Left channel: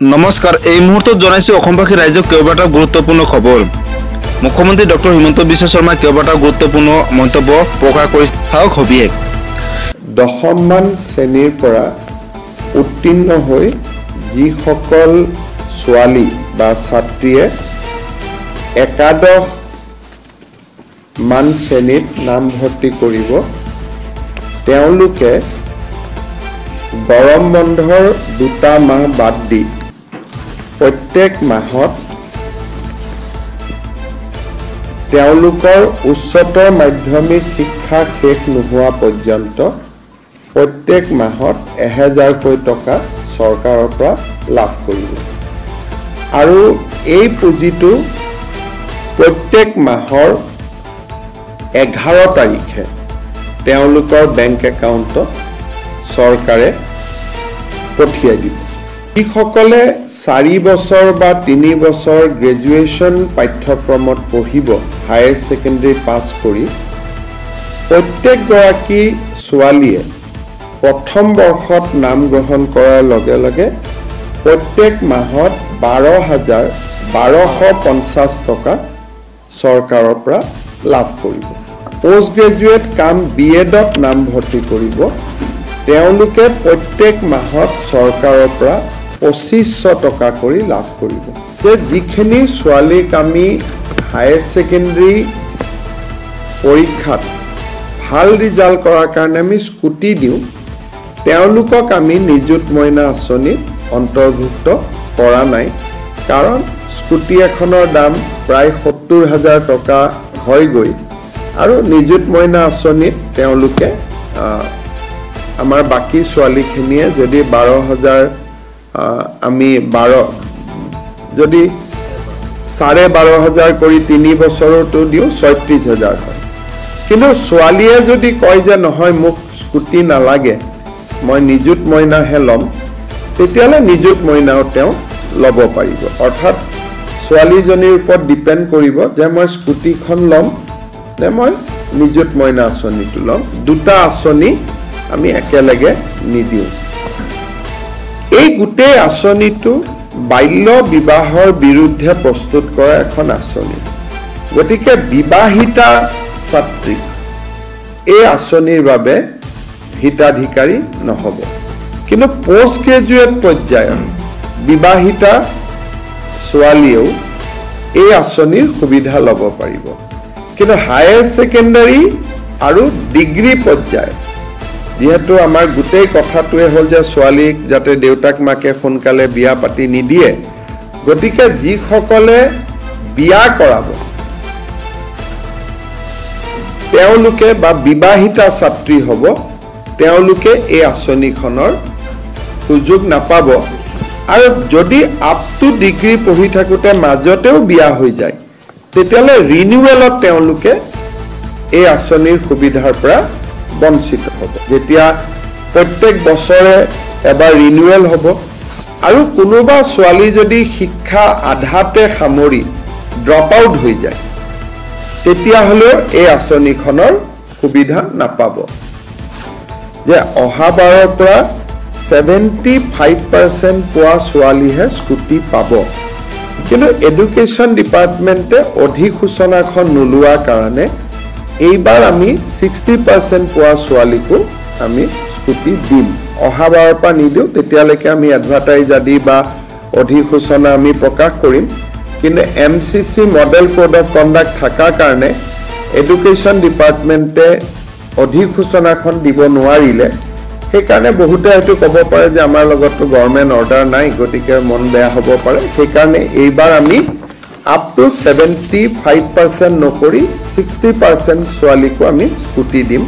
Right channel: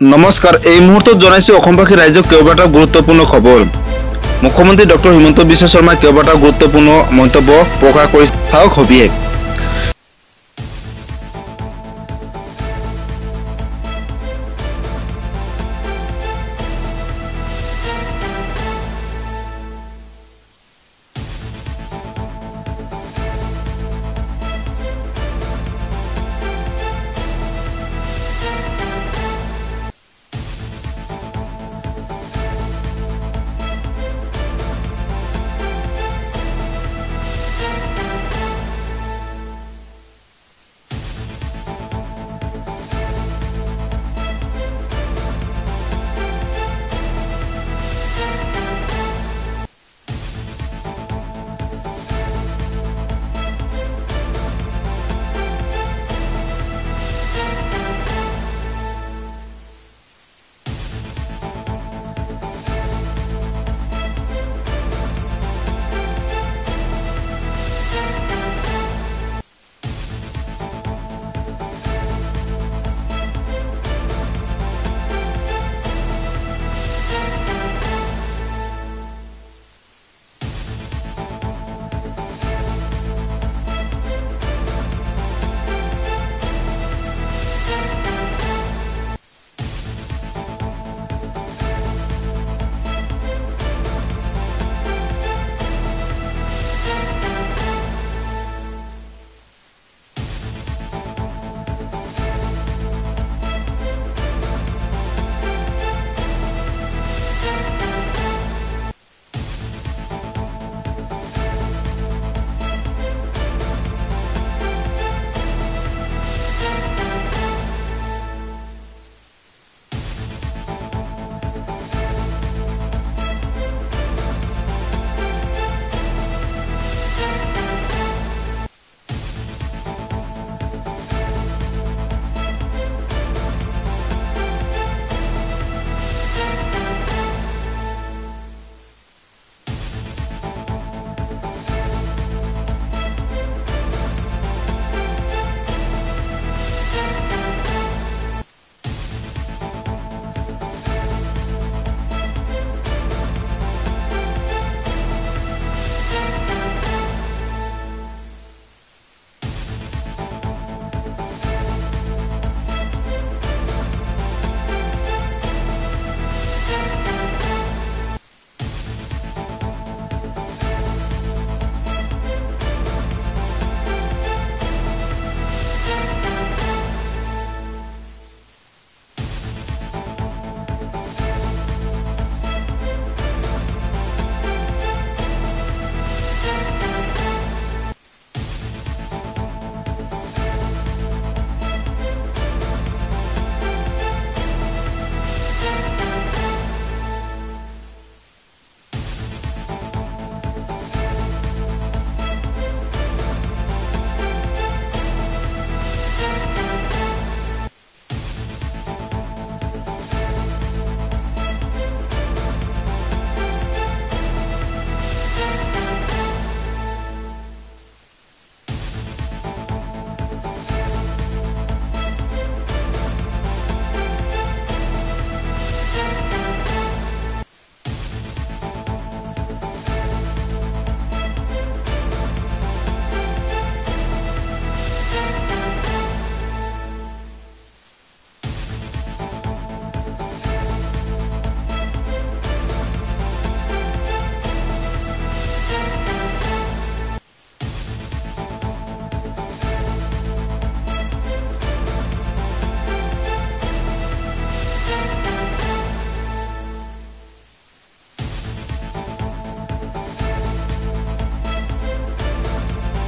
নমস্কাৰ এই মুহূৰ্তত জনাইছো অসমবাসী ৰাইজক কেইবাটা গুৰুত্বপূৰ্ণ খবৰ মুখ্যমন্ত্ৰী ডক্টৰ হিমন্ত বিশ্ব শৰ্মাই কেইবাটা গুৰুত্বপূৰ্ণ মন্তব্য প্ৰকাশ কৰিছে চাওক হবিয়ে দশমমান শ্ৰেণীৰ পৰা উত্তীৰ্ণ হৈ যিসকল ছোৱালী বা ছাত্ৰীয়ে একাদশ মান শ্ৰেণীত নামভৰ্তি কৰিব তেওঁলোকে গৰম বন্ধৰ 2টা মাহ বাদ দি প্ৰত্যেক মাহত তেওঁলোকৰ উচ্চতৰ মাধ্যমিক শিক্ষা শেষ নোহোৱা পৰ্যন্ত প্ৰত্যেক মাহত 1000কৈ টকা চৰকাৰৰ পৰা লাভ কৰিব আৰু এই পুঁজিটো প্ৰত্যেক মাহৰ 11 তাৰিখে তেওঁলোকৰ বেংক একাউণ্টত চৰকাৰে পঠিয়াই দিব যিসকলে 4 বছৰ বা 3 বছৰ গ্ৰেজুৱেশ্যন পাঠ্যক্ৰমত পঢ়িব হায়াৰ সেকেন্ডাৰী পাছ কৰি প্ৰত্যেক গৰাকী ছোৱালীয়ে প্ৰথম বৰ্ষত নাম গ্ৰহণ কৰাৰ লগে লগে প্ৰত্যেক মাহত 12,1250 টকা চৰকাৰৰ পৰা লাভ কৰিব পোষ্ট গ্ৰেজুৱেট কাম বিএডত নামভৰ্তি কৰিব তেওঁলোকে প্ৰত্যেক মাহত চৰকাৰৰ পৰা 2500 টকা কৰি লাভ কৰিব যে যিখিনি ছোৱালীক আমি হায়াৰ সেকেন্ডাৰী পৰীক্ষাত ভাল ৰিজাল্ট কৰাৰ কাৰণে আমি স্কুটি দিওঁ তেওঁলোকক আমি নিযুত মইনা আঁচনিত অন্তৰ্ভুক্ত কৰা নাই কাৰণ স্কুটি এখনৰ দাম প্ৰায় 70,000 টকা হৈ গৈ আৰু নিযুত মইনা আঁচনিত তেওঁলোকে আমাৰ বাকি ছোৱালীখিনিয়ে যদি 12,000 আমি 12 যদি 12,500 কৰি 3 বছৰটো দিও 36,000 কিন্তু ছোৱালীয়ে যদি কয় যে নহয় মোক স্কুটি নালাগে মই নিযুত মইনাহে লম তেতিয়ালে নিযুত মইনাও তেওঁ লব পাৰিব অৰ্থাৎ ছোৱালীজনীৰ ওপৰত ডিপেন্ড কৰিব যে মই স্কুটিখন লম নে মই নিযুত মইনা আঁচনিটো লম দুটা আঁচনি আমি একেলগে নিদিও এই গোটেই আঁচনিটো বাল্য বিবাহৰ বিৰুদ্ধে প্ৰস্তুত কৰা এখন আঁচনি গতিকে বিবাহিতা ছাত্ৰী এই আঁচনিৰ বাবে হিতাধিকাৰী নহব কিন্তু পোষ্ট গ্ৰেজুৱেট পৰ্যায়ত বিবাহিতা ছোৱালীয়েও এই আঁচনিৰ সুবিধা ল'ব পাৰিব কিন্তু হায়াৰ সেকেন্ডাৰী আৰু ডিগ্ৰী পৰ্যায় যেহেতু আমাৰ গোটেই কথাটোৱে হ'ল যে ছোৱালীক যাতে দেউতাক মাকে সোনকালে বিয়া পাতি নিদিয়ে গতিকে যিসকলে বিয়া কৰাব তেওঁলোকে বা বিবাহিতা ছাত্ৰী হ'ব তেওঁলোকে এই আঁচনিখনৰ সুযোগ নাপাব আৰু যদি আপ টু ডিগ্ৰী পঢ়ি থাকোতে মাজতেও বিয়া হৈ যায় তেতিয়ালে ৰিনিউৱেলত তেওঁলোকে এই আঁচনিৰ সুবিধাৰ পৰা বঞ্চিত হ'ব যেতিয়া প্ৰত্যেক বছৰে এবাৰ ৰিনিউৱেল হ'ব আৰু কোনোবা ছোৱালী যদি শিক্ষা আধাতে সামৰি ড্ৰপ আউট হৈ যায় তেতিয়া হলে এই আঁচনিখনৰ সুবিধা নাপাব যে অহা বাৰৰ পৰা 75% পোৱা ছোৱালীহে স্কুটি পাব কিন্তু এডুকেশ্যন ডিপাৰ্টমেণ্টে অধিসূচনাখন নোলোৱাৰ কাৰণে এইবাৰ আমি 60% পোৱা ছোৱালীকো আমি স্কুটি দিম অহা বাৰৰ পৰা নিদিও তেতিয়ালৈকে আমি এডভাৰটাইজ আদি বা অধিসূচনা আমি প্ৰকাশ কৰিম কিন্তু MCC model code of conduct থকাৰ কাৰণে এডুকেশ্যন ডিপাৰ্টমেণ্টে অধিসূচনাখন দিব নোৱাৰিলে সেইকাৰণে বহুতে হয়তো ক'ব পাৰে যে আমাৰ লগততো গভৰ্ণমেণ্ট অৰ্ডাৰ নাই গতিকে মন বেয়া হ'ব পাৰে সেইকাৰণে এইবাৰ আমি up to 75% নকৰি 60% ছোৱালীকো আমি স্কুটি দিম